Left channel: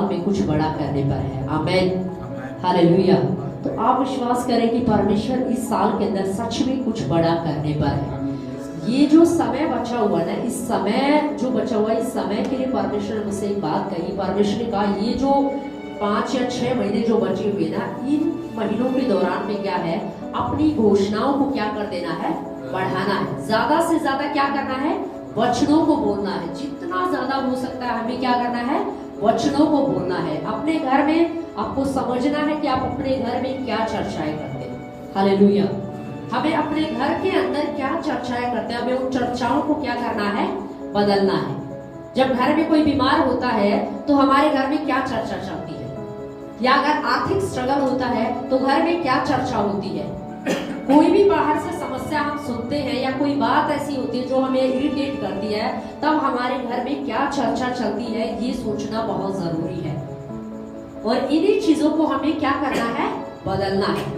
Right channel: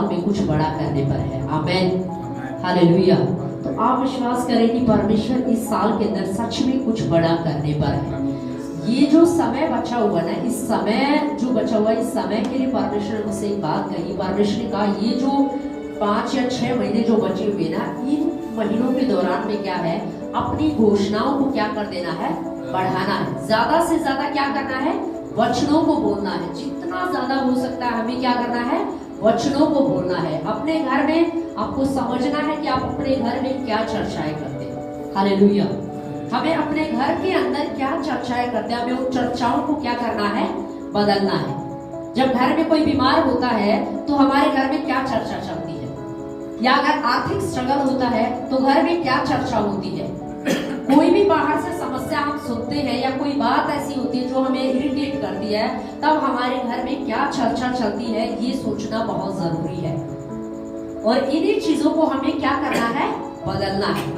साल में कुछ बड़ा करने पर है। आमेन, हालेलुया। तो आप विश्वास करें कि परमेश्वर इस साल के अंदर सच में कुछ बड़ा करने पर है। ये जो समय बचा हुआ ना, इस समय जो बचा हुआ, इस समय के लिए परमेश्वर ने मुझसे एक बात कही। परमेश्वर ने कहा ये जो 5 या 6 महीने जो बचे हुए ना, इन महीनों के दौरान में क्या है, अपनी घोषणाओं को क्या कर देना है, बढ़ाना है। ज्यादा से ज्यादा क्या करना है, वचनों को बोलना है। जितना ज्यादा हो सकता है हमें क्या करना है, वचनों को बोलना है। अपने घर में आपको समझना है कि आप अपने घर में क्या चर्चाएं करते हैं। हालेलुया। हमें अपने घर के अंदर क्या चर्चाएं करते हैं, हमें उन चर्चाओं को क्या करना है, बदलना है। जब घर में कोई बीमार होता है तो हमारे घर में क्या चर्चा चलती है, या अगर आर्थिक स्ट्रगल होता है तो घर में क्या चर्चा होती है। कोई भी बाहर से समस्या हम सुनते हैं या कोई बात ऐसी होती है जो हमें इरिटेट करती है, तब हमारे घर में क्या चर्चा चलती है, ये सोचना बहुत जरूरी है। और इन्हीं चीजों को हमें क्या करना है, बदलना है।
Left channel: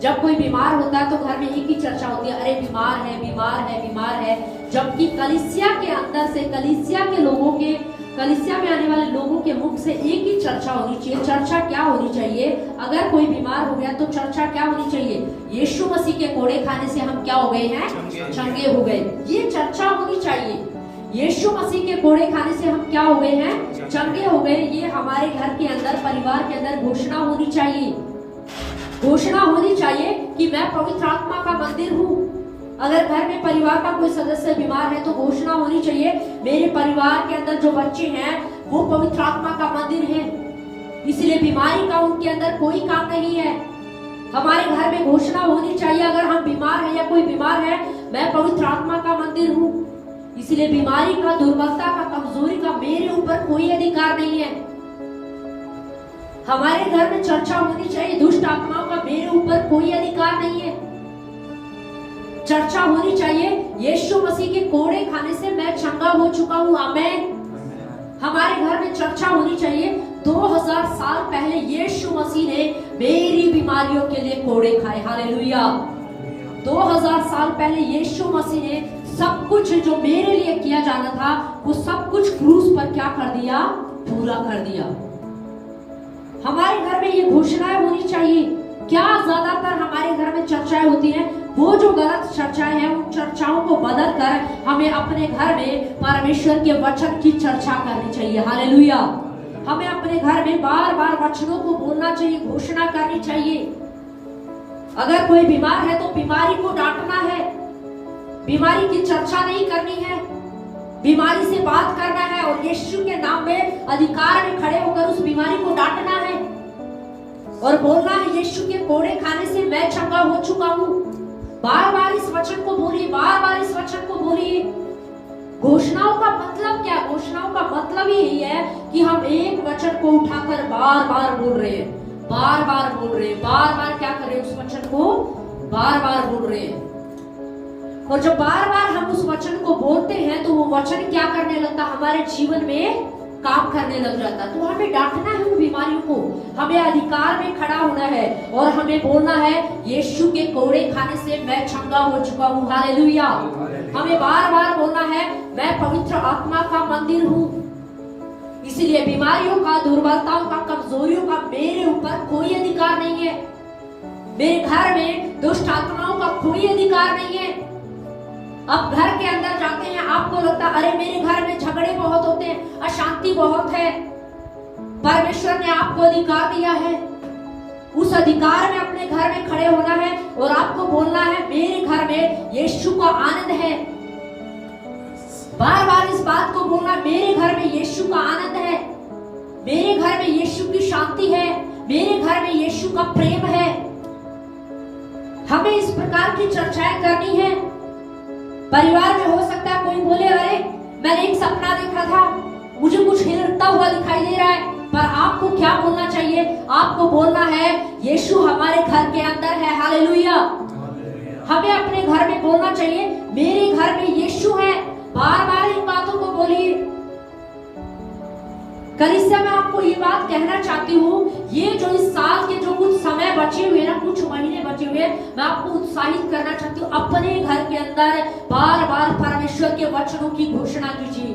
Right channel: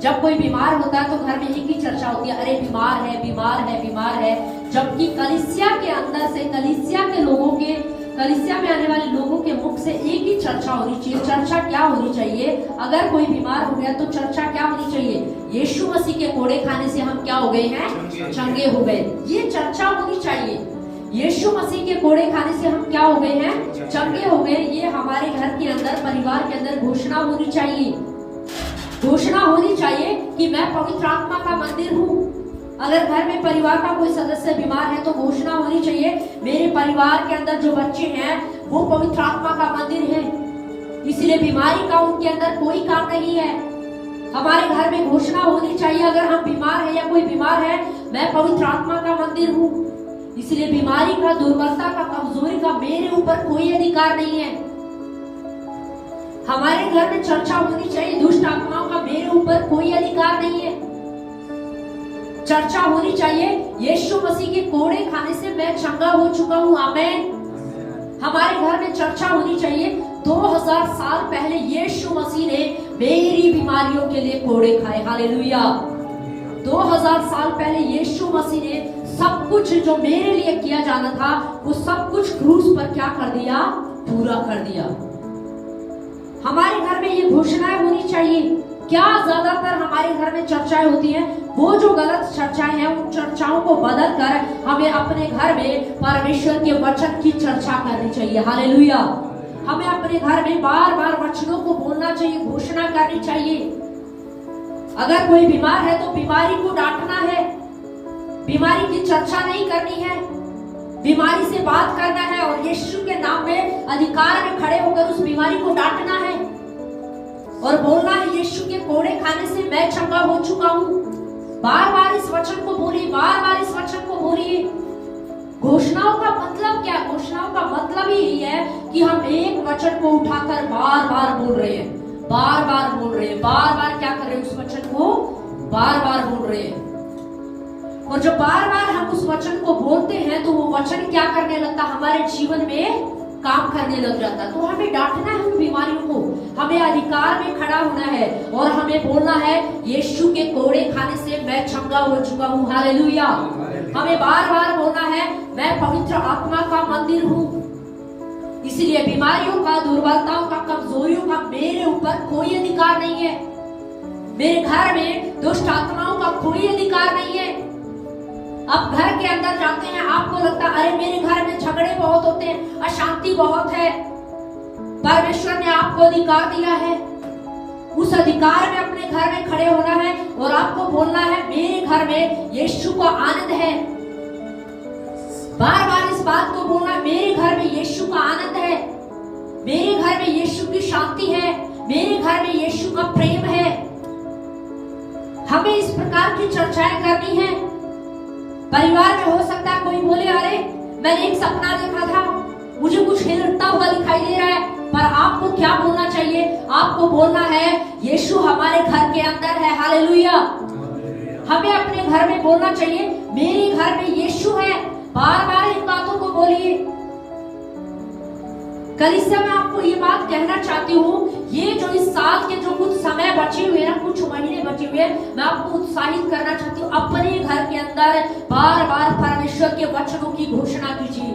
जब कोई बीमार होता है तो घर में एक ही चर्चा होती है, अरे बीमार है, बीमार है, बीमार है। जबकि कलीसिया के अंदर से, कलीसिया के लोगों के, कलीसिया में आने वाले लोगों के मुख से एक ही चर्चा होनी चाहिए। चर्चा क्या होनी चाहिए, अगर कोई बीमार हो गया तो चर्चा क्या होनी चाहिए, यीशु मसीह के कोड़े खाने से हम क्या हो गए हैं, चंगे हो गए। ये चर्चा होनी चाहिए। यीशु मसीह के कोड़े खाने से हम क्या हो गए हैं, चंगे हो गए। ये हमारे घर के अंदर, परिवार के अंदर घोषणा होनी चाहिए। घोषणा होनी चाहिए कि मैं पवित्र आत्मा का मंदिर हूँ। अगर घर में परिवार का कोई सदस्य बीमार है तो घोषणा होनी चाहिए, मेरे परिवार के अंदर जो बच्चे हैं वो पवित्र आत्मा का मंदिर है, इसलिए बीमारी का उनके अंदर कोई काम नहीं है। हमारे घर में घोषणा होनी चाहिए, अगर हम बीमार हैं या कोई बीमार है, मैं पवित्र आत्मा का मंदिर हूँ, इसलिए बीमारी का, दुर्बलता का, कमजोरी का मेरे ऊपर कोई अधिकार नहीं है। हमारे घर में चर्चा होनी चाहिए, दुष्ट आत्माओं का मेरे ऊपर कोई अधिकार नहीं है। चर्चा होनी चाहिए, यीशु मसीह के कोड़े खाने से मैं चंगा हो चुका हूँ। आमेन। हमारे घर में चर्चा होनी चाहिए, 2000 साल पहले यीशु मसीह ने मेरी बीमारियों के लिए कोड़े खाए। हालेलुया। 2000 साल पहले यीशु मसीह ने सब कुछ जो मेरे लिए किया जाना था, वो सब कुछ क्रूस पर क्या कर दिया, पूरा कर दिया। हमारे घर में ये घोषणाएं होनी चाहिए। क्या ज्यादातर हमारे घर में चर्चाएं होती हैं, वो जो गलत चर्चाएं हैं, उन चर्चाओं को बदल कर हमें अपने घर में परमेश्वर के वचन की चर्चा करनी चाहिए। हालेलुया। हमें अपने घर में बार बार वचनों को बोलना चाहिए, घोषणा करनी चाहिए। अगर कोई बीमार है तो बीमारी को डांटना है, बीमारी की चर्चा नहीं करनी है, बीमारी से बात करना है और यीशु के नाम में अधिकार में खड़े होकर उस बीमारी को डांटना है और बोलना है, यीशु के कोड़े खाने से मैं चंगा हो चुका हूँ। बार बार इस वचन को बोलिए, बार बार इस वचन को बोलिए। घोषणाओं का मतलब क्या? घोषणाओं का मतलब यही है कि हम एक वचन को उठाकर बार बार बोल रहे हैं, बार बार बोल रहे हैं, बार बार क्या कर रहे हैं, उस वचन को बार बार बोल रहे हैं। और जब बार बार हम उस वचन को बोलते हैं तो वो वचन क्या करने लगता, हमारे जीवन में काम करने लग जाता। तो हमें डांटना है उन बीमारियों को, हमें अधिकार में खड़ा होना है और हमें बोलना है, यीशु के कोड़े खाने से मैं चंगा हो चुका हूँ। हालेलुया। हमें बार बार बोलना है, मैं पवित्र आत्मा का मंदिर हूँ, इसलिए बीमारियों का, दुर्बलताओं का, कमजोरियों का मेरे ऊपर कोई अधिकार नहीं है। मेरे घर में दुष्ट आत्माओं का कोई अधिकार नहीं है। अब घर के अंदर जाते हैं, आपको लगता है अरे मेरे घर में झगड़े बहुत होते हैं, अशांति बहुत है। परमेश्वर ने आपको अधिकार दिया है, उस अधिकार में अपने घर में खड़े होना है और आपको बोलना है, मेरे घर में यीशु का आनंद है। बार बार इस बात को बोलना, मेरे घर में यीशु का आनंद है, मेरे घर में यीशु की शांति है, मेरे घर में यीशु का प्रेम है। हमें इस प्रकार की चर्चाएं करनी है। परिवार में हो सकता है कोई बोले, अरे मैंने एक सपना देखा था, मुझे कुछ हिलता हुआ दिखाई दे रहा है, पर आपको क्या बोलना चाहिए? आपको बोलना है, यीशु हमारे घर के अंदर है। हालेलुया। हमें अपने घर में बोलना चाहिए, मेरे घर में यीशु है। बार बार इन बातों को बोलिए। कलीसिया में आपको ये बात कहना चाहती हूँ, ये जो इस साल के जो कुछ समय बचे हुए ना, कुछ महीने बचे हुए, मैं आपको उत्साहित करना चाहती हूँ, अपने घर के अंदर बार बार परमेश्वर के वचनों की घोषणा कीजिए।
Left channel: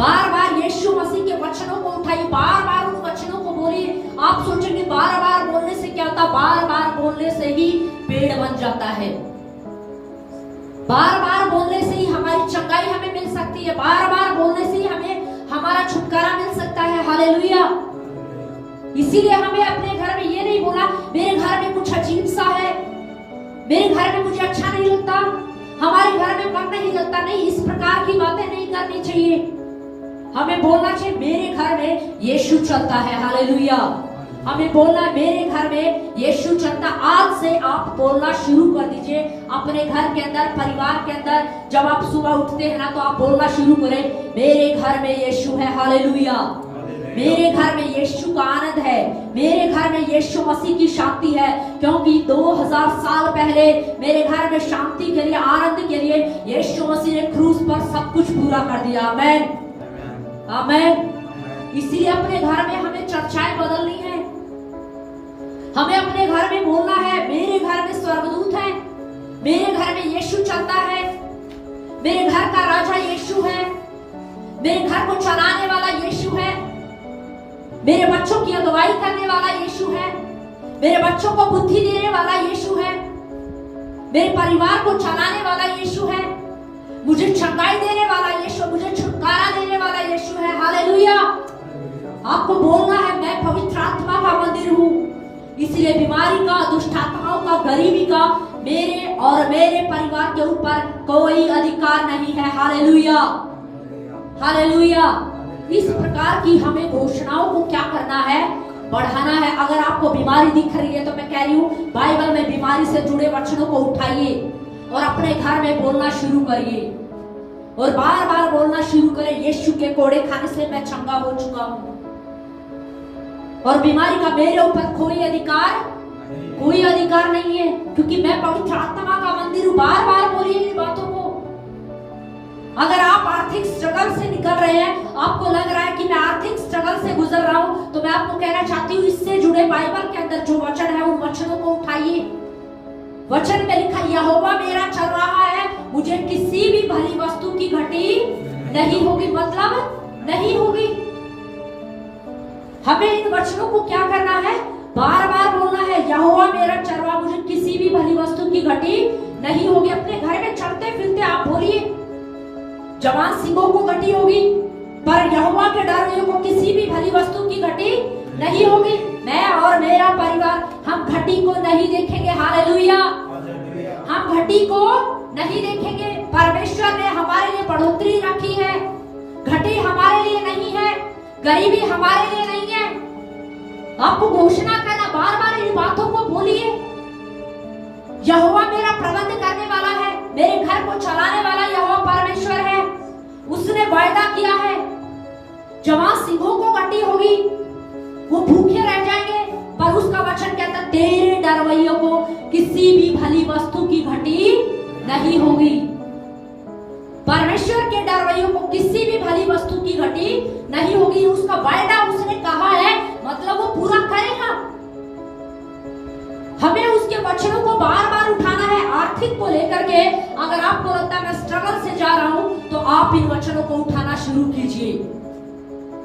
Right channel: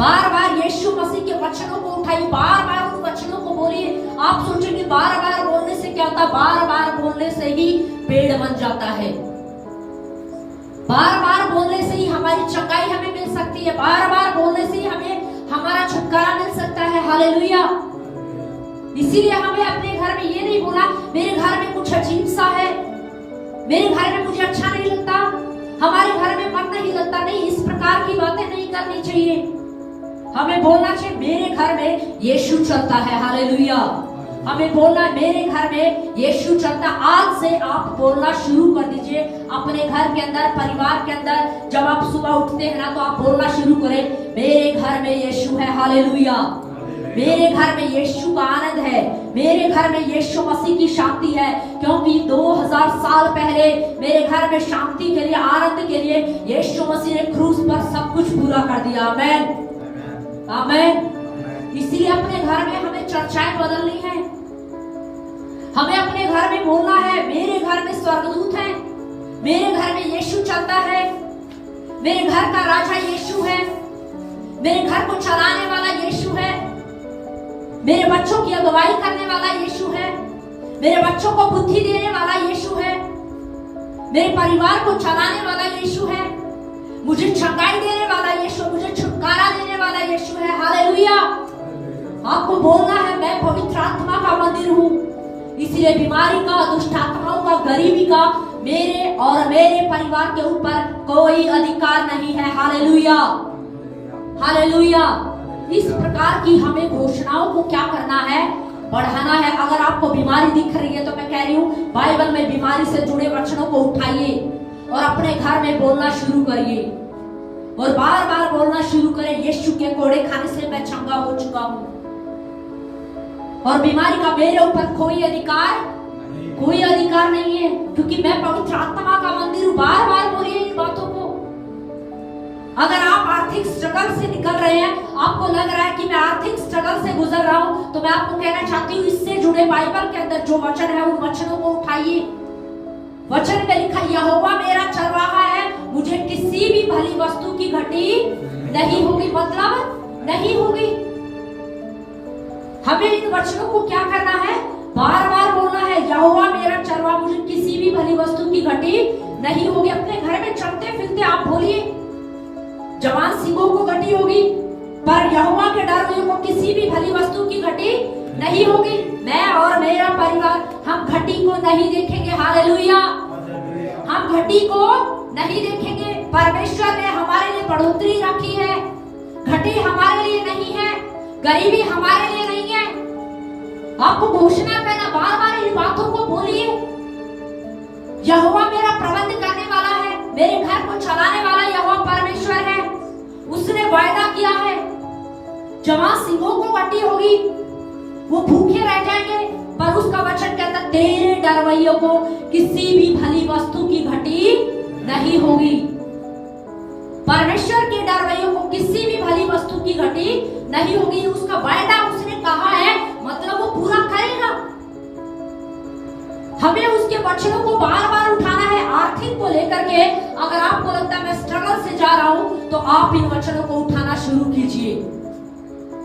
बार बार यीशु मसीह के वचनों को उठाइए, बार बार उन वचनों को बोलिए। आप सोचेंगे बार बार बोलने से क्या होता? बार बार बोलने से ही पेड़ बन जाता है। बार बार बोलने से ही हमारी चंगाई हमें मिल सकती है। बार बार बोलने से ही हमें हमारा छुटकारा मिल सकता है। हालेलुया। इसीलिए हमें अपने घर में ये नहीं बोला मेरे घर में कुछ अजीब सा है, मेरे घर में मुझे अच्छा नहीं लगता, हमारे घर में मन नहीं लगता। नहीं, इस प्रकार की बातें नहीं करनी चाहिए। हमें बोलना चाहिए मेरे घर में यीशु चलता है। हालेलुया। हमें बोलना है मेरे घर में यीशु चलता। आज से आप बोलना शुरू कर दीजिए अपने घर के अंदर, परिवार के अंदर। जब आप सुबह उठते हैं ना तो आप बोलना शुरू करें मेरे घर में यीशु है। हालेलुया। मेरे घर में यीशु का आनंद है, मेरे घर में यीशु मसीह की शांति है, क्योंकि 2000 साल पहले मेरे घर में शांति के लिए, आनंद के लिए यीशु मसीह ने क्रूस पर सब कुछ पूरा कर दिया। आमेन, आमेन। इसीलिए अपने घर में हमें चर्चाएं बदलनी है। हमें अपने घर में बोलना है मेरे घर में स्वर्गदूत है, मेरे घर में यीशु चलता है, मेरे घर का राजा यीशु है, मेरे घर को चलाने वाला यीशु है, मेरे बच्चों की अगुवाई करने वाला यीशु है, मेरे बच्चों को बुद्धि देने वाला यीशु है, मेरे परिवार को चलाने वाला यीशु है, मुझे चंगाई देने वाला यीशु, मुझे छुटकारा देने वाला यीशु है। हालेलुया। आपको बोलना है मैं पवित्र आत्मा का मंदिर हूँ, इसलिए बीमारी का, दुष्ट आत्माओं का, गरीबी का मेरे और मेरे परिवार के ऊपर कोई अधिकार नहीं है। Hallelujah, hallelujah. इस प्रकार की हमें घोषणाओं को क्या करना है? बढ़ाना है। अगर आपको बीमारी दिख रही है तो मैं कह रही हूँ बाइबल में बीमारी से जुड़े वचनों को उठाइए और अपने घर में बोलना शुरू करिए और बार बार बोलना शुरू करें यीशु के कोड़े खाने से मैं चंगा हो चुका हूँ और बीमारी का मेरे ऊपर कोई अधिकार नहीं है, क्योंकि मैं पवित्र आत्मा का मंदिर हूँ। बार बार बोलिए इन बातों को। अगर आप आर्थिक स्ट्रगल से निकल रहे हैं, आपको लग रहा है कि मैं आर्थिक स्ट्रगल से गुजर रहा हूँ, तो मैं आपको कहना चाहती हूँ इससे जुड़े बाइबल के अंदर जो वचन है उन वचनों को उठाइए। वचन में लिखा यहोवा मेरा चरवाहा है, मुझे किसी भी भली वस्तु की घटी नहीं होगी, मतलब नहीं होगी। हमें इन वचनों को क्या करना है? बार बार बोलना है यहोवा मेरा चरवाहा, मुझे किसी भी भली वस्तु की घटी नहीं होगी। अपने घर में चलते फिरते आप बोलिए जवान सिंहों को घटी होगी, पर यहोवा के डर को किसी भी भली वस्तु की घटी नहीं होगी। मैं और मेरा परिवार हम घटी को नहीं देखेंगे। हालेलुया। हम घटी को नहीं देखेंगे। परमेश्वर ने हमारे लिए बढ़ोतरी रखी है। घटी हमारे लिए नहीं है, गरीबी हमारे लिए नहीं है। आपको घोषणा करना, बार बार इन बातों को बोलिए। यहोवा मेरा प्रबंध करने वाला है, मेरे घर को चलाने वाला यहोवा परमेश्वर है। उसने वायदा किया है जवान सिंहों को घटी होगी, वो भूखे रह जाएंगे, पर उसका वचन कहता तेरे डरवैयों को किसी भी भली वस्तु की घटी नहीं होगी। परमेश्वर के डरवैयों को किसी भी भली वस्तु की घटी नहीं होगी। उसका वायदा उसने कहा है, मतलब वो पूरा करेगा। हमें उसके वचनों को बार बार उठाना है। आर्थिक को लेकर के अगर आपको लगता है मैं स्ट्रगल से जा रहा हूं, तो आप इन वचनों को उठाना शुरू कीजिए।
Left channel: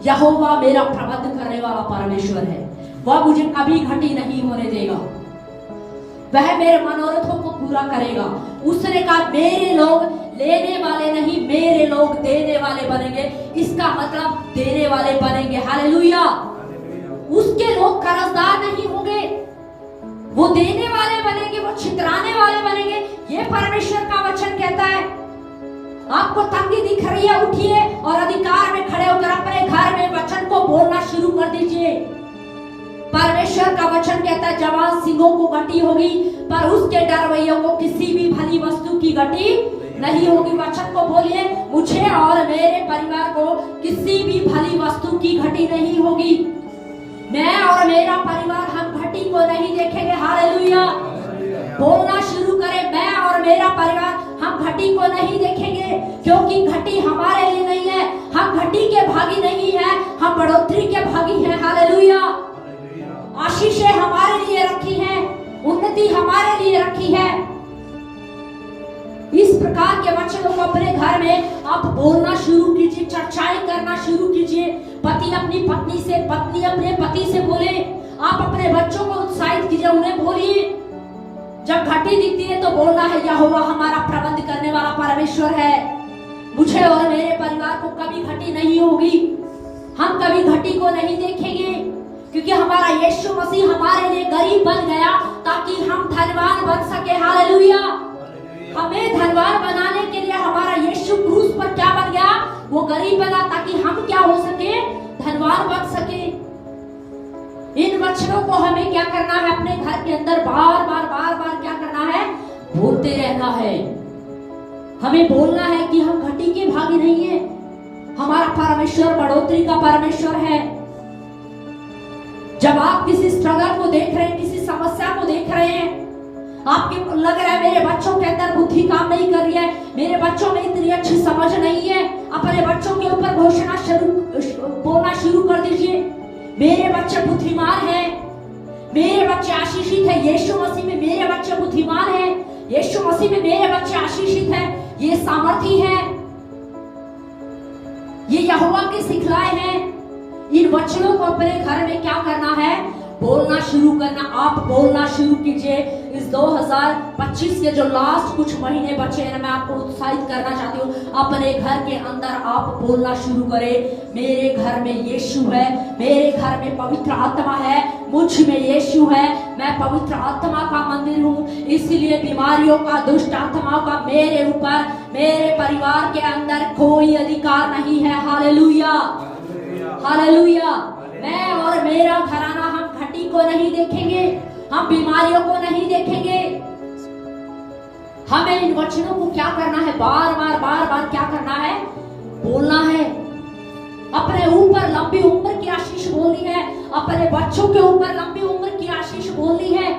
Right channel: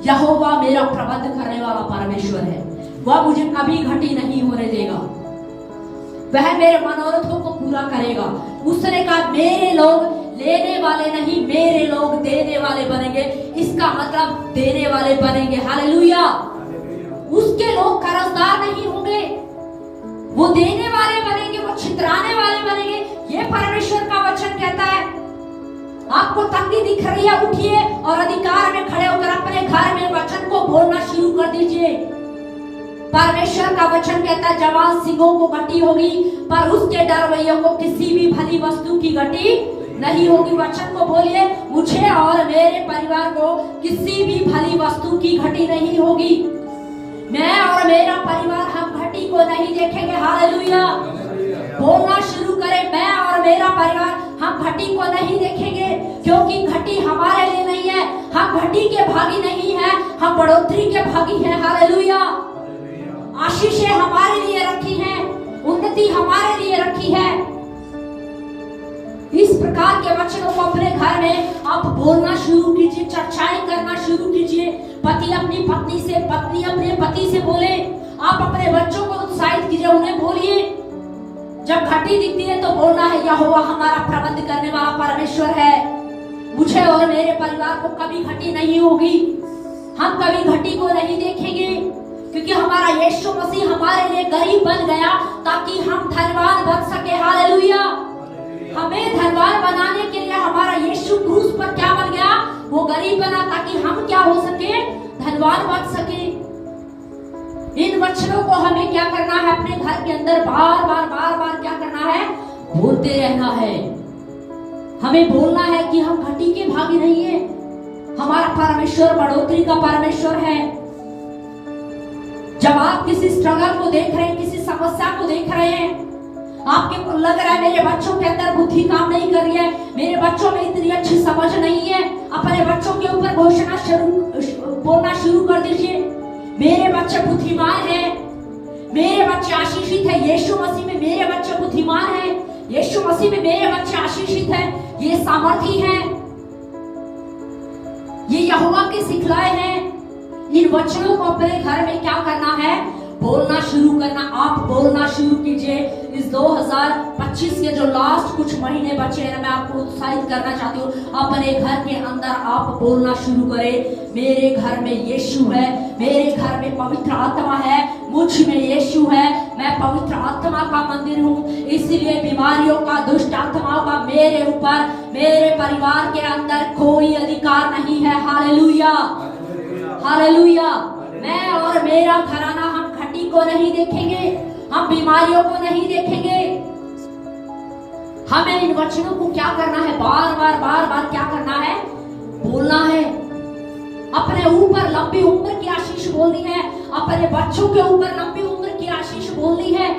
यहोवा मेरा प्रबंध करने वाला परमेश्वर है, वह मुझे कभी घटी नहीं होने देगा, वह मेरे मनोरथों को पूरा करेगा। उसने कहा मेरे लोग लेने वाले नहीं, मेरे लोग देने वाले बनेंगे। इसका मतलब देने वाले बनेंगे। हालेलुया। उसके लोग कर्जदार नहीं होंगे, वो देने वाले बनेंगे, वो छितराने वाले बनेंगे। ये परमेश्वर का वचन कहता है। आपको तंगी दिख रही है, उठिए और अधिकार में खड़े होकर अपने घर में वचन को बोलना शुरू कर दीजिए। परमेश्वर का वचन कहता है जवान सिंहों को घटी होगी, पर उसके डरवैयों को किसी भी भली वस्तु की घटी नहीं होगी। वचन को बोलिए मुझे और मेरे परिवार को किसी भी भली वस्तु की घटी नहीं होगी। मैं और मेरा परिवार हम घटी को नहीं देखेंगे। हालेलुया। बोलना शुरू करें मैं और मेरा परिवार हम घटी को नहीं देखेंगे, क्योंकि घटी हमारे लिए नहीं है। हम घटी के भागी नहीं है, हम बढ़ोतरी के भागी हैं। हालेलुया। आशीषें हमारे लिए रखी है, उन्नति हमारे लिए रखी है। इस प्रकार के वचनों को अपने घर घर में आप बोलना शुरू कीजिए, चर्चाएं करना शुरू कीजिए। पति अपनी पत्नी से, पत्नी अपने पति से बोले। आप अपने बच्चों को उत्साहित कीजिए, उन्हें बोलिए। जब घटी दिखती है तो बोलना है यहोवा हमारा प्रबंध करने वाला परमेश्वर है, मुझे और मेरे परिवार को कभी घटी नहीं होगी, हम कभी घटी को नहीं देखेंगे, क्योंकि हमारा यीशु मसीह हमारे लिए गरीब बन गया ताकि हम धनवान बन सके। हालेलुया। हमें धनवान बनाने के लिए हमारा यीशु क्रूस पर क्या बन गया? वो गरीब बना ताकि हम क्या हो सके? धनवान बन सके। इन वचनों को हमें क्या करना है? अपने घर के अंदर बार बार क्या करना है? बोलते रहना है। हमें बोलना है कि हम घटी के भागी नहीं है, हमारा परमेश्वर बढ़ोतरी का परमेश्वर है। जब आप किसी स्ट्रगल को देख रहे हैं, किसी समस्या को देख रहे हैं, आपके लग रहा है मेरे बच्चों के अंदर बुद्धि काम नहीं कर रही है, मेरे बच्चों में इतनी अच्छी समझ नहीं है, अपने बच्चों के ऊपर घोषणा बोलना शुरू कर दीजिए, मेरे बच्चे बुद्धिमान हैं, मेरे बच्चे आशीषित है, यीशु मसीह में मेरे बच्चे बुद्धिमान है, यीशु मसीह में मेरे बच्चे आशीषित है, ये सामर्थी है, ये यहोवा के सिखलाए हैं। इन वचनों को अपने घर में क्या करना है? बोलना शुरू करना। आप बोलना शुरू कीजिए। इस 2025 के जो लास्ट कुछ महीने बचे हैं, मैं आपको उत्साहित करना चाहती हूँ, अपने घर के अंदर आप बोलना शुरू करें, मेरे घर में यीशु है, मेरे घर में पवित्र आत्मा है, मुझ में यीशु है, मैं पवित्र आत्मा का मंदिर हूँ, इसलिए बीमारियों का, दुष्ट आत्माओं का मेरे ऊपर, मेरे परिवार के अंदर कोई अधिकार नहीं है। Hallelujah, hallelujah. मैं और मेरा घराना हम घटी को नहीं देखेंगे, हम बीमारियों को नहीं देखेंगे। हमें इन वचनों को क्या करना है? बार बार क्या करना है? बोलना है। अपने ऊपर लंबी उम्र की आशीष बोलनी है, अपने बच्चों के ऊपर लंबी उम्र की आशीष बोलनी है,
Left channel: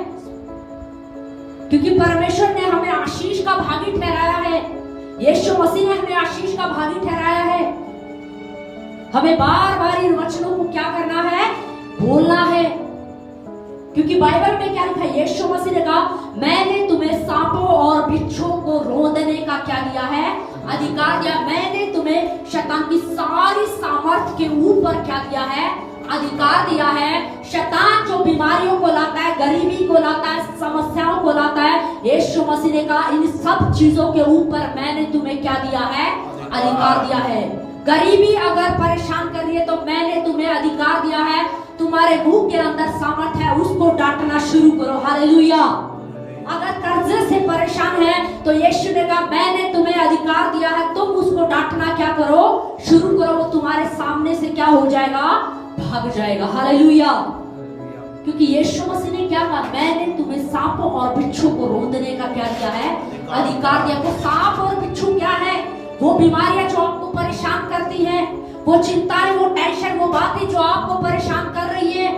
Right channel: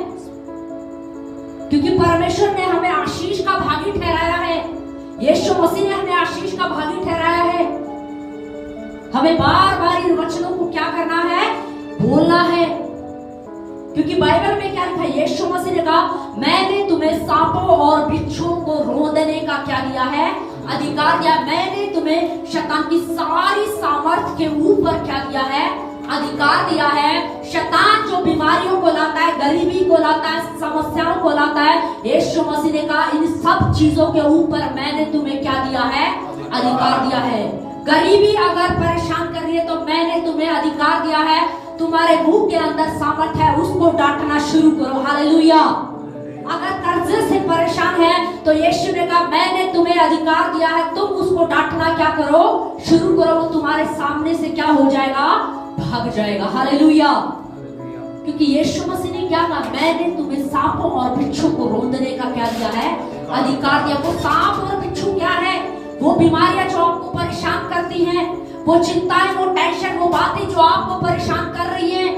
क्योंकि परमेश्वर ने हमें आशीष का भागी ठहराया है, यीशु मसीह ने हमें आशीष का भागी ठहराया है। हमें बार बार इन वचनों को क्या करना है? बोलना है, क्योंकि बाइबल में क्या लिखा है? यीशु मसीह ने कहा, मैंने तुम्हें सांपों और बिच्छू को रोंदने का क्या दिया है? अधिकार दिया। मैंने तुम्हें शैतान की सारी सामर्थ के ऊपर क्या दिया है? अधिकार दिया है। शैतान जो बीमारियों को लाता है, गरीबी को लाता है, समस्याओं को लाता है, यीशु मसीह ने कहा, इन सब चीजों के ऊपर मैंने तुम्हें क्या दिया है? अधिकार दिया है। गरीबी अगर परेशान कर रही है तो मैंने तुम्हें अधिकार दिया है, तुम्हारे मुंह के अंदर सामर्थ है, उसको डांटना शुरू करो। हालेलुया। अगर कर्जे से परेशान है तो यीशु ने कहा, मैंने तुम्हें अधिकार दिया है, तुम उसको डांटना क्या करो? शुरू करो। वो तुम्हारे सामने से क्या हो जाएगा? भाग जाएगा। हालेलुया। क्योंकि यीशु मसीह ने क्या कहा? मैंने तुम्हें सांपों और बिच्छू को रोंदने का क्या दिया है? अधिकार दिया। वो सांप और बिच्छू क्या है? वो बीमारियां जो आपको परेशान करती हैं, वो चिंताएं, वो टेंशन, वो बातें जो आपको परेशान कर रही है,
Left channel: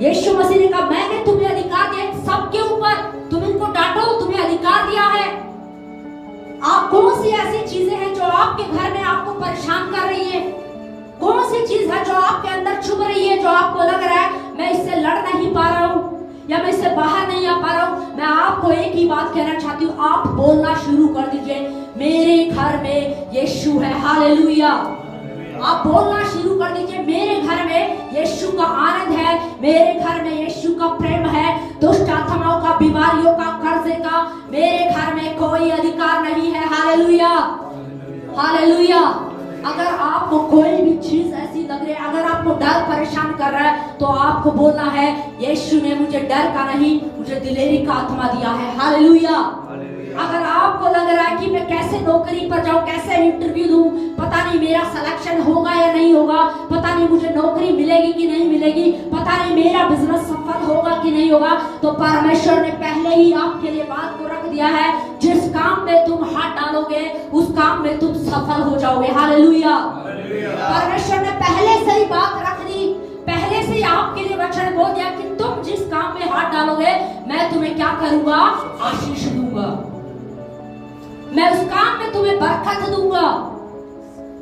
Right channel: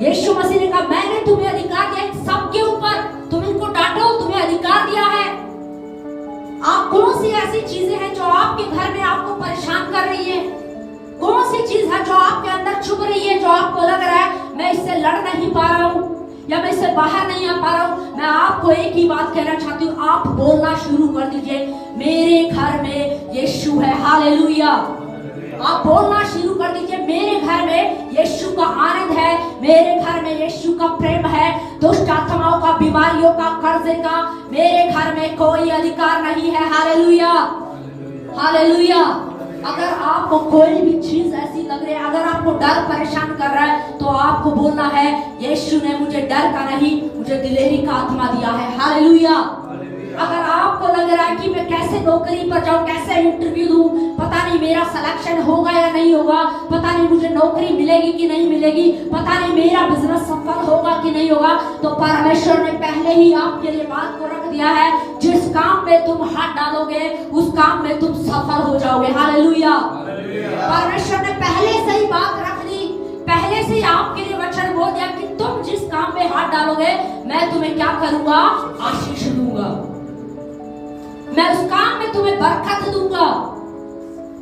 यीशु मसीह ने कहा, मैंने तुम्हें अधिकार दिया सबके ऊपर, तुम इनको डांटो, तुम्हें अधिकार दिया है। आप कौन सी ऐसी चीजें हैं जो आपके घर में आपको परेशान कर रही है? कौन सी चीज है जो आपके अंदर छुप रही है, जो आपको लग रहा है मैं इससे लड़ नहीं पा रहा हूँ या मैं इससे बाहर नहीं आ पा रहा हूँ? मैं आपको एक ही बात कहना चाहती हूँ, आप बोलना शुरू कर दीजिए, मेरे घर में यीशु है। हालेलुया। आप बोलना शुरू कर दीजिए, मेरे घर में यीशु का आनंद है, मेरे घर में यीशु का प्रेम है, दुष्ट आत्माओं का, बीमारियों का, कर्जे का मेरे घर में कोई अधिकार नहीं है। Hallelujah, hallelujah. अगर आपको कोई भी चीज ऐसी लग रही है, अगर आपको डर परेशान कर रहा है, तो आपको बोलना है, यीशु ने मुझे डर का नहीं, मुझे दिलेरी का आत्मा दिया है। हालेलुया। अगर आपको लग रहा है कि मैं कैसे नौकरी पर जाऊं, कैसे इंटरव्यू दूं, पता नहीं मेरा सिलेक्शन होगा या नहीं होगा, पता नहीं मुझे नौकरी मिलेगी कि नहीं मिलेगी, पता नहीं मेरा बिजनेस सफल होगा कि नहीं होगा, तो परमेश्वर ने पहले ही आपके लिए बात को रख दिया है, जिस काम में तुम हाथ डालोगे उस काम में तुम सफल हो जाओगे। हालेलुया। परमेश्वर ने पहले से ही बात रख दी, पहले से ही आपके लिए वचन बोल दिया कि तुम जिस काम में हाथ डालोगे मैं तुम्हें क्या करूंगा? आशीष दूंगा, मैं उस काम में तुम्हें बरकत दूंगा।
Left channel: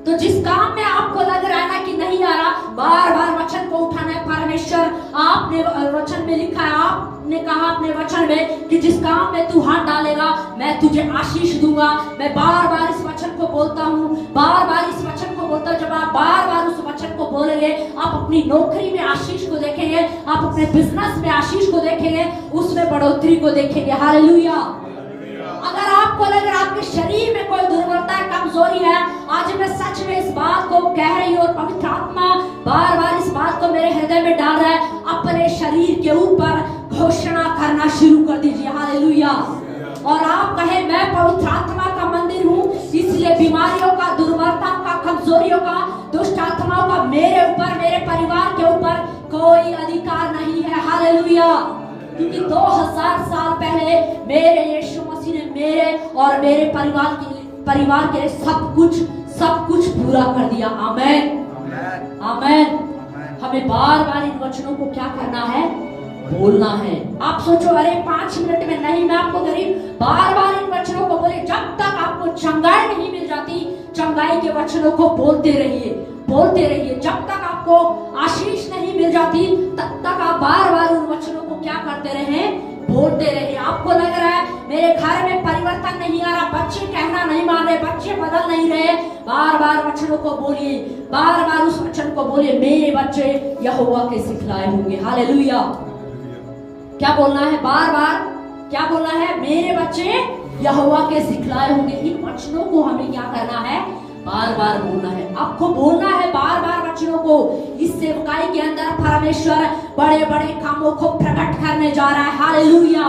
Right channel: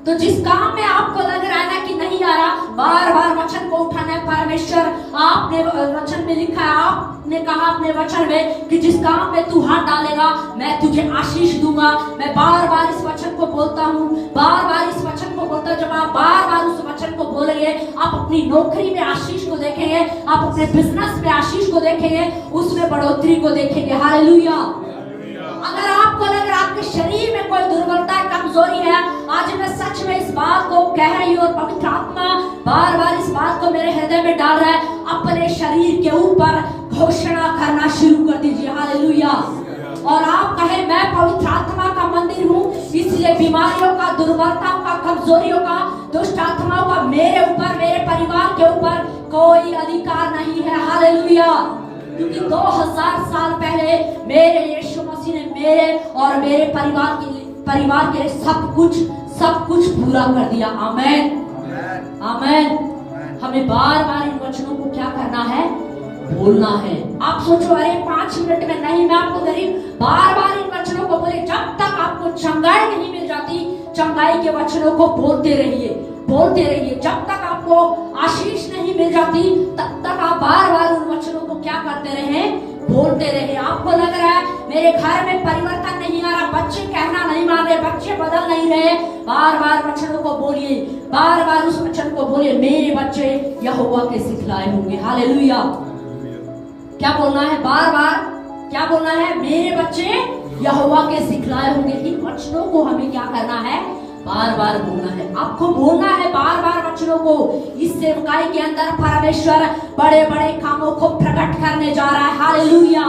तो जिस काम में आपको लग रहा है ना कि नहीं आ रहा, बार बार वचन को उठाना है। परमेश्वर आपने वचन में लिखा है, आपने कहा अपने वचन में कि जिस काम में तू हाथ डालेगा मैं तुझे आशीष दूंगा। मैं बार बार इस वचन को बोलता हूँ, बार बार इस वचन को बोलता हूँ। जब आप बार बार उस वचन को बोलेंगे, आप अपनी नौकरी में आशीष को देखेंगे, आप अपने बिजनेस में आशीष को देखेंगे, उसमें बढ़ोतरी को देखेंगे। हालेलुया। अगर आपको लग रहा है आपके शरीर में कोई दुर्बलता है, कमजोरी है, आज मैं सच में इस बात को कह रही हूँ और पवित्र आत्मा बार बार इस बात को मेरे हृदय में डाल रहा है, अपने शरीर के ऊपर घोषणा करना शुरू कर दीजिए। हालेलुया। और आप कहे मैं पवित्र आत्मा का मंदिर हूँ, इसलिए बीमारियों का, दुर्बलताओं का, कमजोरियों का, दुष्ट आत्माओं का मेरे ऊपर, मेरे परिवार के ऊपर कोई अधिकार नहीं है। हालेलुया। क्योंकि 2000 साल पहले मेरे यीशु मसीह ने मेरे और मेरे परिवार के लिए सब कुछ पूरा कर दिया। आमेन, आमेन। हमें बार बार इन वचनों को क्या करना है? बोलना है। आप सोचो अरे 5 मिनट में नहीं, मैं आपको गरीब बार बार इन वचनों को बोले। जब तक आपको चंगाई नहीं मिल जाती, चंगाई के वचनों को बोलते रहिए, बोलते रहिए। जब तक आपको आशीष नहीं मिल जाती, तब तक आप बार बार उन वचनों को क्या करते रहे? बोलते रहे। आपको लग रहा है मेरे घर में परिवर्तन नहीं आ रहा, बच्चे कहना नहीं मान रहे, बच्चे बदल नहीं रहे, बार बार वचनों को बोलिए, बार बार उस वचन को बोलिए, मेरे बच्चे यहोवा के सिखलाए होंगे। हालेलुया। क्या बोलना है? बार बार क्या बोलना है? मेरे बच्चे यहोवा के सिखलाए होंगे। इन वचनों को हमें क्या करना है? बार बार बोलना है। आपको बोलना है बार बार वचनों को। इस सेवकाई के अंदर परमेश्वर बड़े बड़े कामों को प्रकट करने जा रहा है। Hallelujah,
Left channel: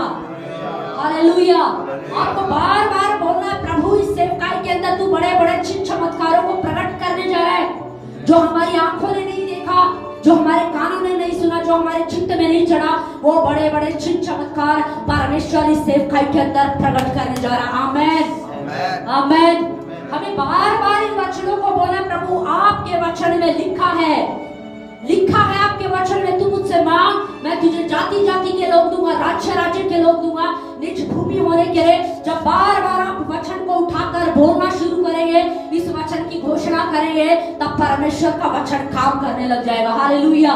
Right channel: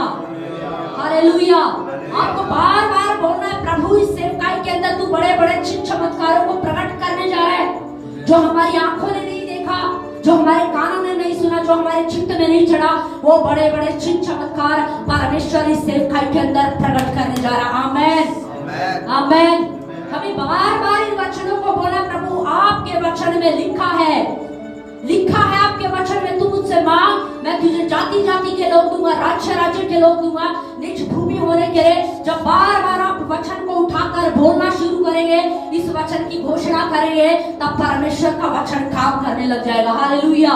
hallelujah. आपको बार बार बोलना है, प्रभु इस सेवकाई के अंदर तू बड़े बड़े चिन्ह चमत्कारों को प्रकट करने जा रहा है, जो हमारी आंखों ने नहीं देखा, जो हमारे कानों ने नहीं सुना, जो हमारे चित्त में नहीं चढ़ा, वो बड़े बड़े चिन्ह चमत्कार परमेश्वर इस सेवकाई के अंदर प्रकट करने जा रहा है। आमेन, आमेन। हमें बार बार इन वचनों को बोला, प्रभु आपके वचन में लिखा है, लिखा है आपके वचन में, तू मुझसे मांग, मैं तुझे जाति जाति के लोग दूंगा, राज्य राज्य के लोग दूंगा, निज भूमि होने के लिए। जब बार बार आप वचन को उठाकर बोलना शुरू करेंगे, इस वचन की घोषणा करेंगे, तब परमेश्वर का वचन काम करने लग जाएगा। हालेलुया।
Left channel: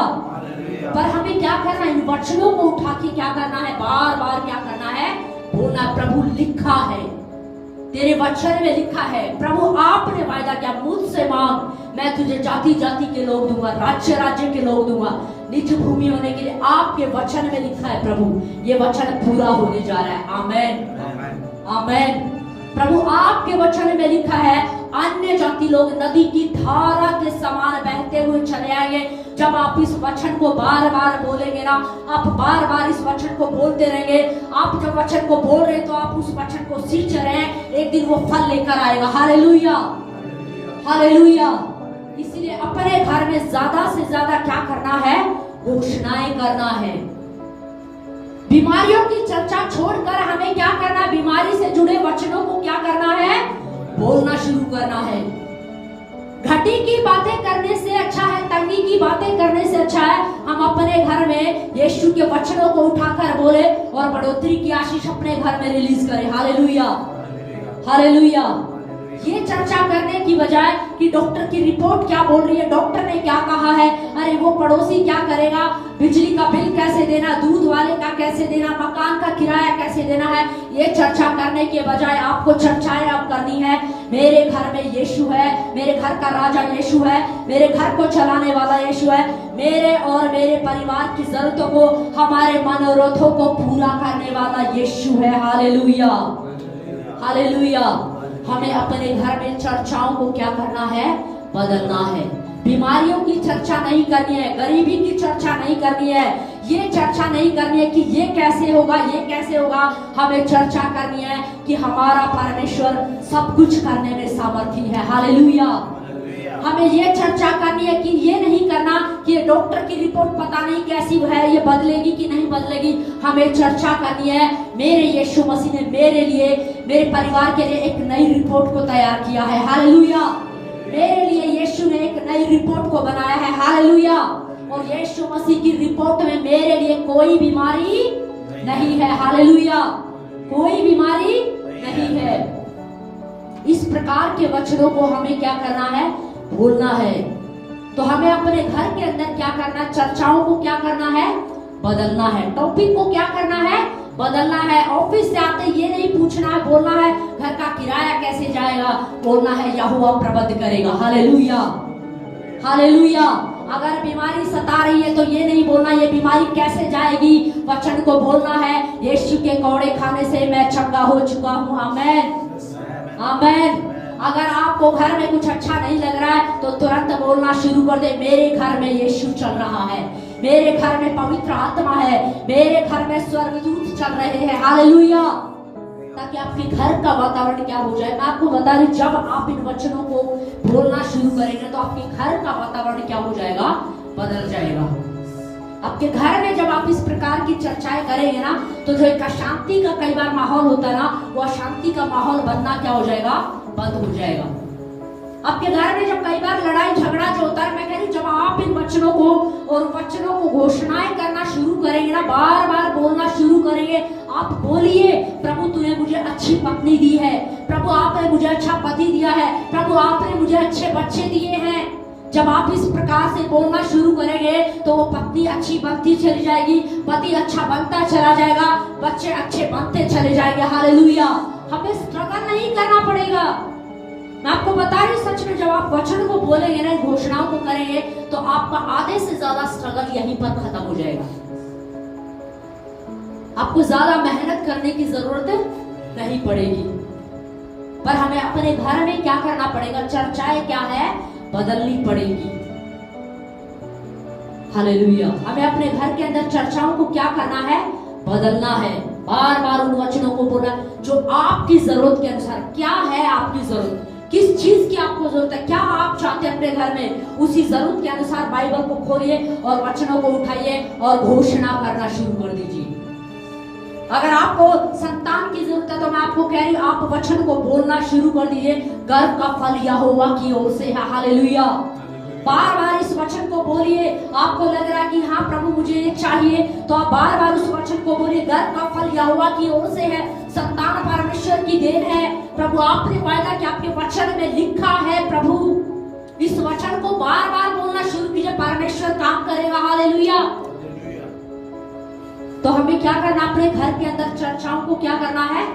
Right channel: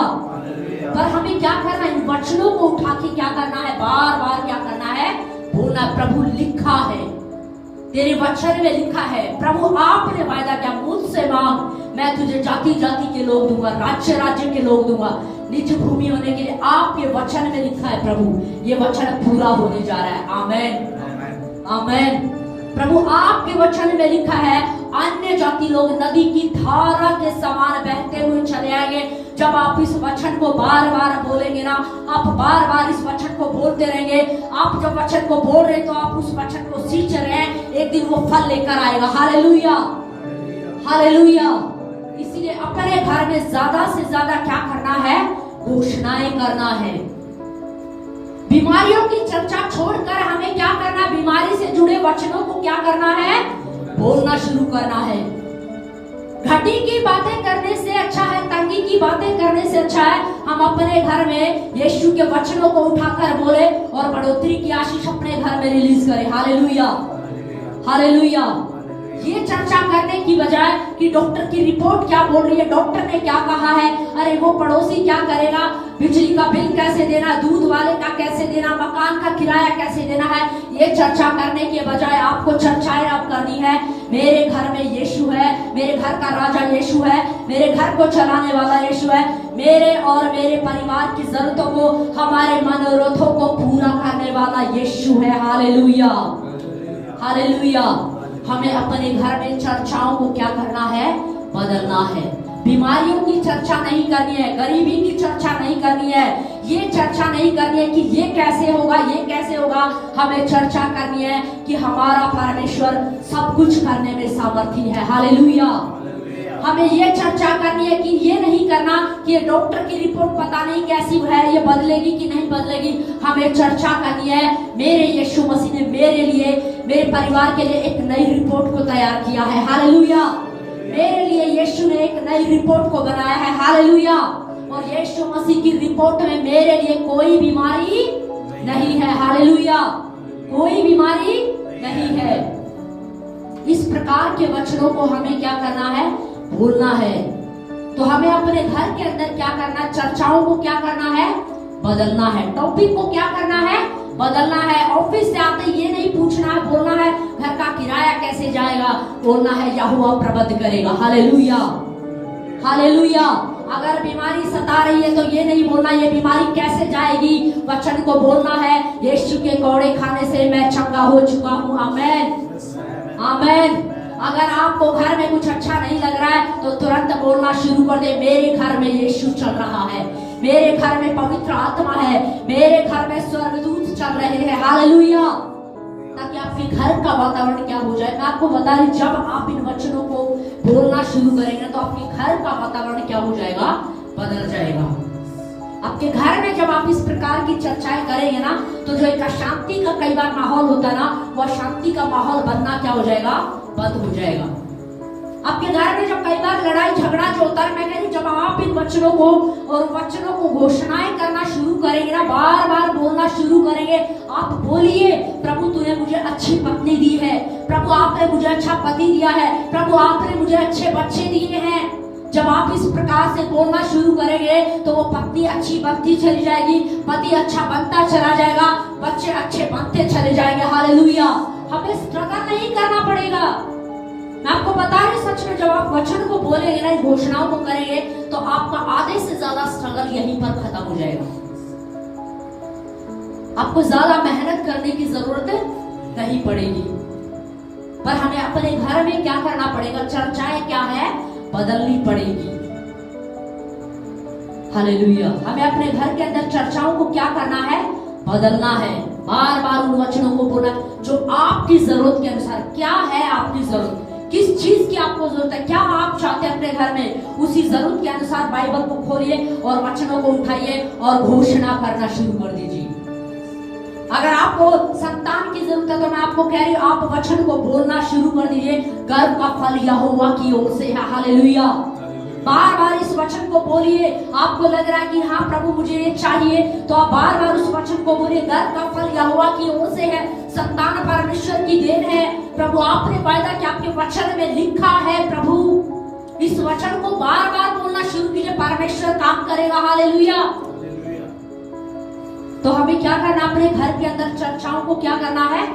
पर हमें क्या करना है? इन वचनों को उठा के क्या करना है? बार बार क्या करना है? बोलना, प्रभु लिखा है, तेरे वचन में लिखा है, प्रभु आपने वायदा किया, मुझसे मांग, मैं तुझे जाति जाति के लोग दूंगा, राज्य राज्य के लोग दूंगा, निज भूमि होने के लिए आपके वचन में लिखा है। प्रभु ये वचन पूरा होने जा रहा है। आमेन, आमेन। प्रभु आपके वचन में लिखा है, अन्य जाति लोग नदी की धारा के समान बहते हुए चले आएंगे। जब आप इस वचन को बार बार बोलेंगे ना, आप बार बार इस वचन को बोलते रहेंगे, आप जब वचन को बोल रहे तो आप उस वचन को सींच रहे हैं, एक दिन वो फल लेकर आएगा। Hallelujah, hallelujah. इसलिए अपने घर में ज्यादा से ज्यादा क्या करना है? घोषणाएं करना है। बीमारियों की चर्चा छोड़कर हमें क्या करना है? बीमारी से जुड़े वचनों को क्या करना है? बोलना शुरू करना है। घटी की बातें करने से अच्छा है, तंगी की बातें करने से अच्छा है हम अपने घर में यीशु के वचनों को उठाकर बोले और बढ़ोतरी की आशीष अपने घर में रिलीज करें। Hallelujah, hallelujah. ये चर्चा करने की बजाय कि डॉक्टर की रिपोर्ट क्या बोल रही है, डॉक्टर ने क्या कहा है, अरे वो पड़ोसी क्या करेगा, बिजली का बिल कैसे देना, दूध वाले का कैसे देना, मकान का किराया कैसे देना है, ये चर्चा करने के बजाय आपको चर्चाएं अब करनी है। मेरे घर में यीशु है, मेरे घर का राजा यीशु है, मेरे घर को चलाने वाला यीशु है, मेरे और मेरे परिवार की जरूरतों को, हमारे मनोरथों को पूरा करने वाला यीशु है। Hallelujah, hallelujah. हमें अपने घर में चर्चाओं को क्या करना है? बदलना है। बीमारियों की चर्चा नहीं करनी है, गरीबी की चर्चा नहीं करनी है, ये चर्चा नहीं करनी है कि ये कैसे होगा, ये कैसे होगा। हमें चर्चा करनी है कि हमारा परमेश्वर सब कुछ करने में सामर्थी है। हालेलुया। हमें ये चर्चा करनी है कि ये नहीं करना कि ये डॉक्टर की रिपोर्ट पता नहीं कैसी है, ये बदलेगी कि नहीं बदलेगी। हमें चर्चा करनी है, मेरे यीशु मसीह ने मेरे लिए, मेरे परिवार के लिए एक नई रिपोर्ट को तैयार किया है। हालेलुया। मेरे लिए यीशु ने एक नई रिपोर्ट को बनाया है। हालेलुया। और यीशु मसीह की रिपोर्ट में मेरे लिए कोई बीमारी नहीं है। हालेलुया। कोई बीमारी नहीं है। इस प्रकार के वचनों को हमें क्या करना है? बोलना है। तो हमें अपने घर के अंदर क्या करना? चर्चाओं को क्या करना है? बदलना है। टॉपिक को क्या करना है? बदलना है। ऑफिस से आते ये नहीं पूछना है, बोलना है घर का किराया कैसे जाएगा, बोलना है यहोवा प्रबंध करेगा। Hallelujah, hallelujah. अगर बीमारी सता रही है तो ये नहीं बोलना ये बीमारी कैसे जाएगी, वचन को बोलना है यीशु के कौड़े खाने से मैं चंगा हो चुका हूँ। आमेन, आमेन। अगर आपको घर में कुछ अच्छा नहीं लग रहा है तो तुरंत बोलना शुरू कर दे, मेरे घर में यीशु चल रहा है, मेरे घर में पवित्र आत्मा है, मेरे घर में स्वर्गदूत चल रहे हैं। हालेलुया। ताकि आपके घर का वातावरण क्या हो जाए। मैं आपको बता रही, जब आप इन वचनों को बोलना शुरू करेंगे तो आपके घर का वातावरण क्या हो जाएगा, बदल जाएगा। आपके घर में जब आप इस प्रकार की चर्चाएं करेंगे ना तो जो एक अशांति का कई बार माहौल होता है ना, वो अशांति का माहौल बनना क्या हो जाएगा, बंद हो जाएगा। आपके घर में जब कई बार लड़ाई झगड़ा जो होता है, मैं कह रही जब आप इन वचनों को और वचनों को घोषणाएं करना शुरू करेंगे ना, बार बार बोलना शुरू करेंगे, आप बोलिए प्रभु तूने मुझे अच्छी पत्नी दी है, प्रभु आपने मुझे अच्छा पति दिया है, प्रभु आपने मुझे अच्छे बच्चे दिए हैं। जब आप इस प्रकार से बोलना शुरू करेंगे तो वो पत्नी अच्छी बनती चली जाएगी, पति अच्छा बनता चला जाएगा, बच्चे अच्छे बनते चले जाएंगे। हालेलुया। हमें स्ट्रगल नहीं करना पड़ेगा। मैं आपको बता रही, सच में जब आप वचन को बोलेंगे ना, घोषणाओं को करेंगे तो आपका आधे से ज्यादा स्ट्रगल यहीं पर खत्म हो जाएगा। आपको ज्यादा मेहनत करने की जरूरत नहीं पड़ेगी। पर हमें अपने घर में क्या करना पड़ेगा, चर्चाएं क्या है, बदलनी पड़ेगी। हालेलुया। हमें अपने घर के अंदर चर्चाओं को क्या करना है, बदलना है। बार बार उन वचनों को बोलना जो आपकी जरूरत के अनुसार, क्या है आपकी जरूरत, किस चीज की आपको जरूरत है, क्या आप चाहते हैं अपने घर में, उसी जरूरत के अनुसार बाइबल को खोलिए और वचनों को उठाइए और घोषणा करना शुरू कर दीजिए। अगर आपको संतान की जरूरत है तो मैं आपको कह रही हूँ, आप वचन को बोलना शुरू कर दीजिए, गर्भ का फल यहोवा की ओर से है। हालेलुया। बार बार इस वचन को बोलिए। आपको लग रहा है कि हाँ प्रभु मुझे ये चाहिए, तो आप बार बार उस वचन को बोलिए, गर्भ का फल यहोवा की ओर से है, संतान परमेश्वर की देन है। प्रभु आपने वायदा कि आपके वचन में लिखा है। प्रभु इस वचन को बार बार बोलना शुरू कीजिए, परमेश्वर काम करेगा। हालेलुया। तो हमें क्या करना, अपने घर के अंदर चर्चाओं को क्या करना है,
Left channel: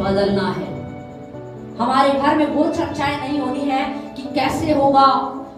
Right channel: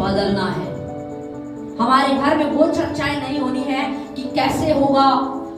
बदलना है। हमारे घर में वो चर्चाएं नहीं होनी है कि कैसे होगा,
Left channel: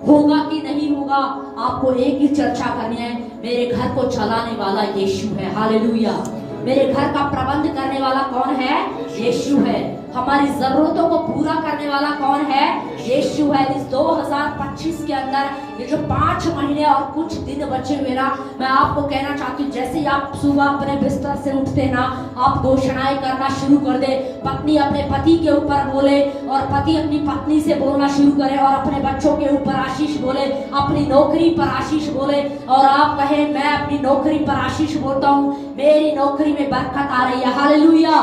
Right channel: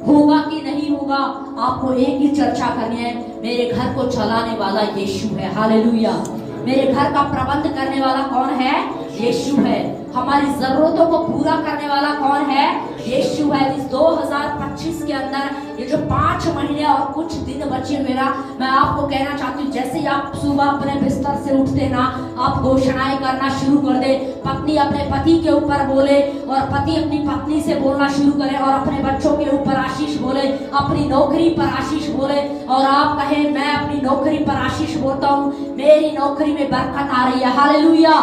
होगा कि नहीं होगा। आपको एक ही चर्चा करनी है, मेरे घर को चलाने वाला यीशु है। हालेलुया। मेरे घर का प्रबंध करने वाला कौन है, यीशु है। हमारी जरूरतों को पूरा करने वाला कौन है, यीशु है। इस 2025 के अंदर ये जो 5 महीने और कुछ दिन बचे हुए ना, मैं आपको कहना चाहती हूँ, जैसे आप सुबह अपने बिस्तर से उठते ना, आप घोषणाएं करना शुरू कर दे। पत्नी अपने पति के ऊपर बोले और पति अपनी पत्नी से बोलना शुरू करे और अपने बच्चों के ऊपर आशीष बोले, अपनी नौकरी पर आशीष बोले और आप कहें मैं अपनी नौकरी पर आशीष बोलता हूँ, मेरी नौकरी में बरकत आ रही है। हालेलुया।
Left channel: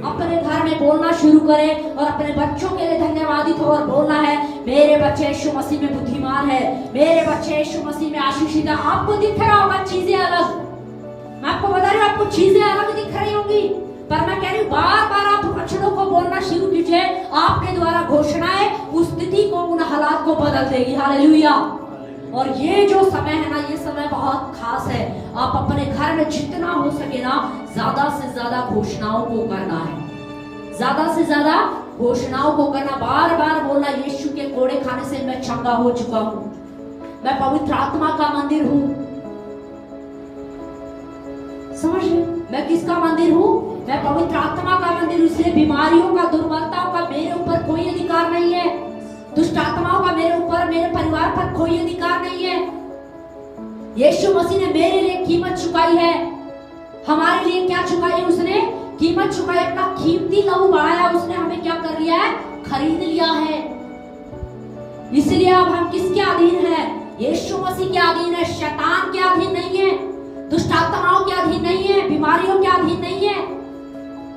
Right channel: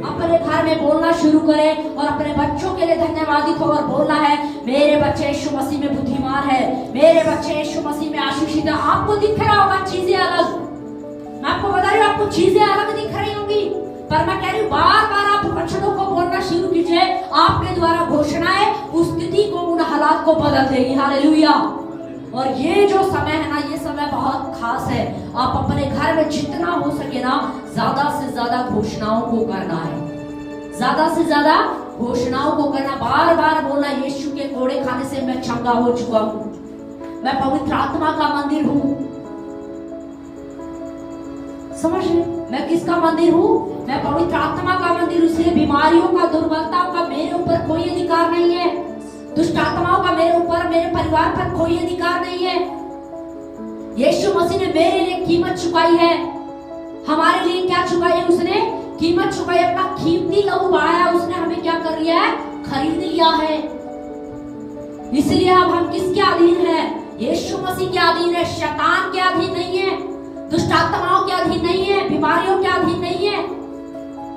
अपने घर में बोलना शुरू करें और अपने बच्चों के लिए धन्यवादित हो और बोलना है, मेरे बच्चे यीशु मसीह में बुद्धिमान है, मेरे बच्चे यीशु मसीह में आशीषित है। आपको दिख रहा होगा चीजें अलग, मैं आपको बता रही हूँ, आपको चीजें अलग दिख रही होंगी, पर मैं कह रही हूँ बार बार आप वचनों को बोलना शुरू कीजिए। आपके द्वारा घोषणाएं उस स्थिति को, उन हालात को बदल देगी। हालेलुया। और ये जो समय है ना, ये समय बहुत खास है। आप अपने घर में जितना हो सके ना, ज्यादा से ज्यादा घोषणाओं को करना है, ज्यादा से ज्यादा घोषणाओं को करना, बार बार बोलना, यीशु के कोड़े खाने से मैं चंगा हो चुका हूँ, मैं पवित्र आत्मा का मंदिर हूँ। समझिए, मैं किसका मंदिर हूँ, मैं पवित्र आत्मा का मंदिर। इसलिए बीमारियों का, दुर्बलताओं का मेरे ऊपर कोई अधिकार नहीं है, दुष्ट आत्माओं का मेरे ऊपर, मेरे परिवार पर कोई अधिकार नहीं है। यीशु मसीह ने मेरे लिए कीमत चुकाई है। हमारे लिए क्या चुकाई है, उसने कीमत चुकाई, अपना कीमती लहू बहाया, उसने हमें क्या कर लिया है, खरीद लिया है। इसलिए अब हम किसके अधीन है, यीशु मसीह के अधीन है, शैतान के अधीन नहीं है, दुष्ट आत्माओं के अधीन नहीं है, बीमारियों के अधीन नहीं है।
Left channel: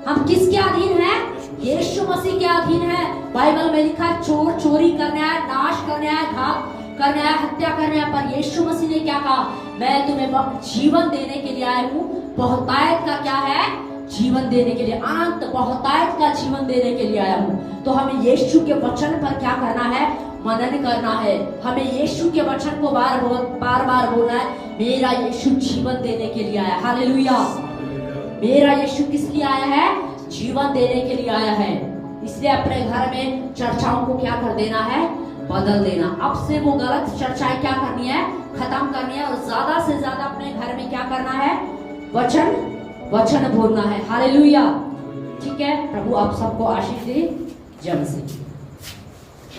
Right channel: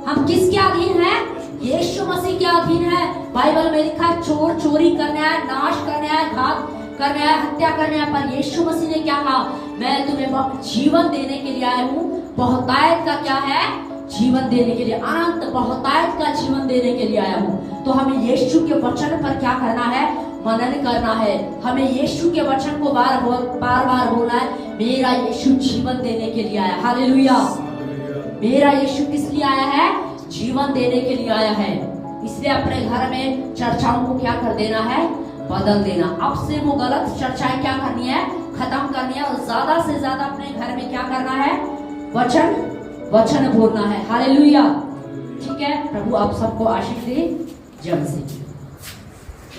हम किसके अधीन है, यीशु मसीह के अधीन है। बाइबल में लिखा है, चोर चोरी करने आया, नाश करने आया, घात करने आया, हत्या करने आया, पर यीशु मसीह ने क्या कहा, मैं तुम्हें जीवन देने के लिए आया हूँ। बहुतायत का क्या है, जीवन देने के लिए, अनंत बहुतायत का जीवन देने के लिए आया हूँ। तो हमें यीशु के वचन पर क्या करना है, मनन करना है। हमें यीशु के वचन को बार बार बोलना है, मेरा यीशु जीवन देने के लिए आया। हालेलुया। मेरा यीशु किस लिए आया है, जीवन देने के लिए आया है। इसलिए अपने घर में चर्चाओं को क्या कर देना है, बदल देना। अब से वो गलत चर्चाएं क्या करनी है, खत्म करनी है, और ज्यादा से ज्यादा अपने घर में क्या करना है, वचन बोलना है। हालेलुया। ठीक है, प्रभु आप सबको आशीष दे। जय मसीह।